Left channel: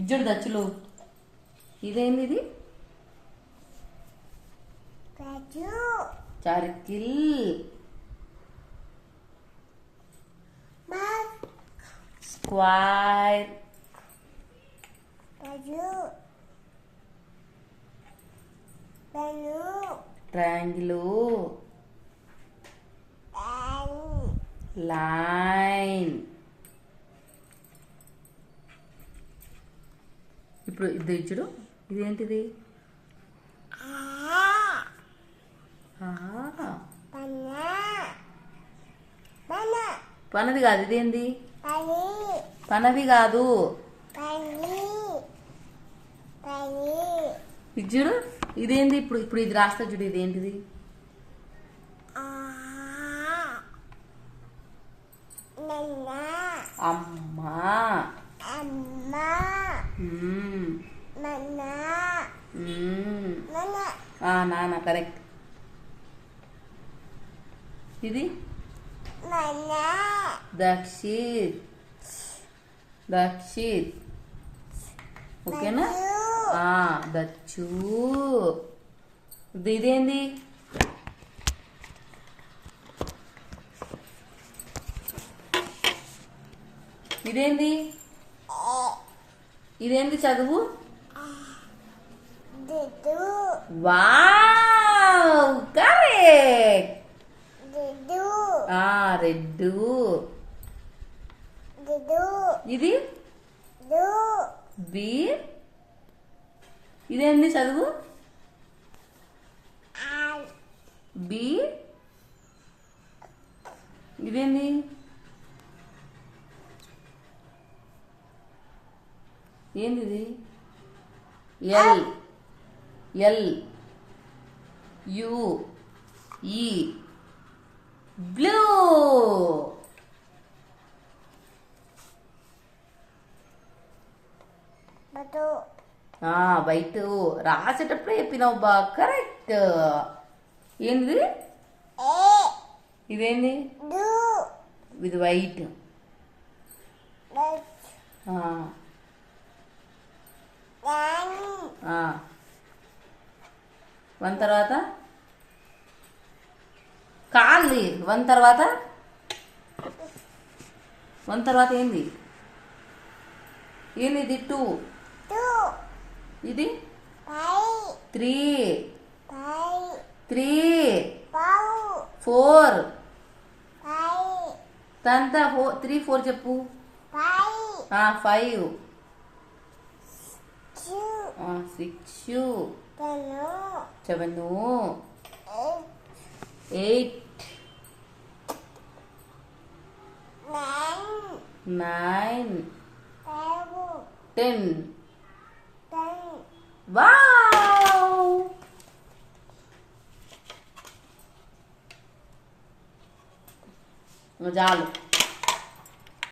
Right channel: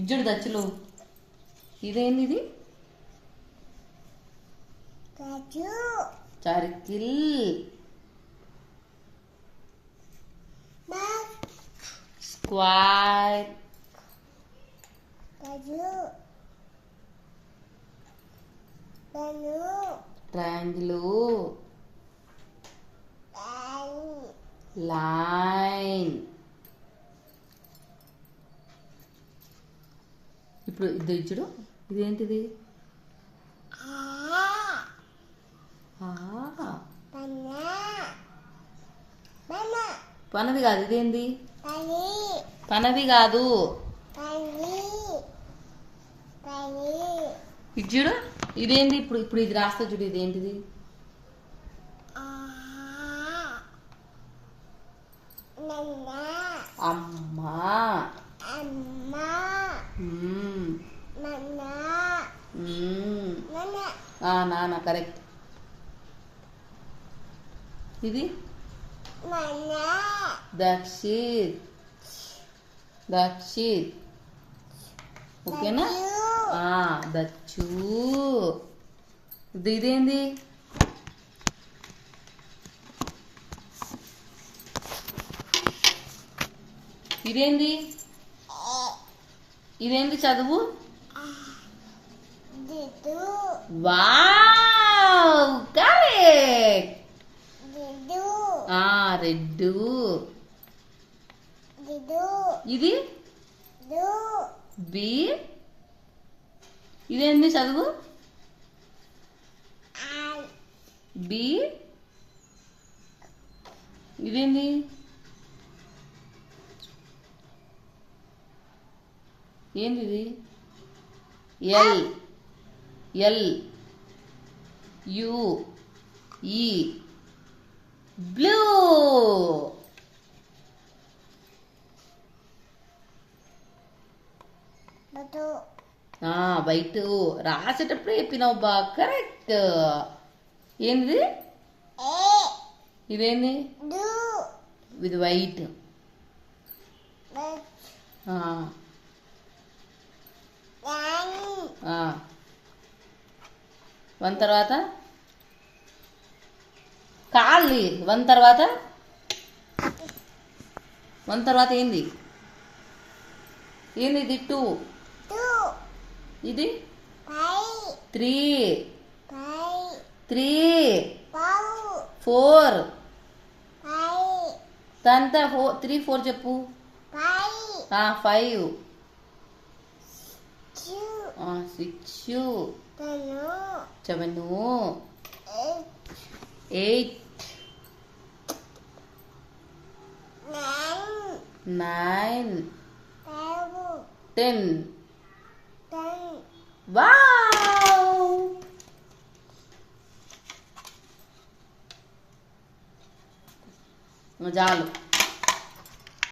ఇజ్జుడు దచ్చులు. ఇదేంది ఇది? Circle. Square. Triangle. Line. ఇప్పుడు ఇది ఇచ్చుడు. ఇదేంటిది? పనది కాదు. ఇదేంది? పనది కాదు. ఇచ్చుడు. ఇదేంది? ఇప్పుడు ఇప్పుడు ఇది రాస్తా చూడు. ఇదేంటిది? అమ్మా. నాన్న. కరెక్ట్. ఇది దక్షిత్. దక్షిత్. ఓకేనా? దచ్చు. ఇదేంది? ఇదేంది? ఇదేంది చదువు? Wow, correct. రెడ్డు. ఇది బి. ఇదేంది చదువు? బి. ఇదేంది? ఏంది ఇది? ఎల్. ఎల్ యు ఈ. బ్లూ. వైట్. రాసేటప్పుడే చెప్పినావు బా. కరెక్ట్. ఏంది? ఇదేంది? ఇది వైట్. వన్ తర్వాత కాళ్ళు. వన్ తర్వాత ఏంది? ఏంది ఇది? టూ. ఇది 3. 3 4. తంతా 3 4 చెప్పు. 5 6 7 8 9 10. వావ్. చాలు.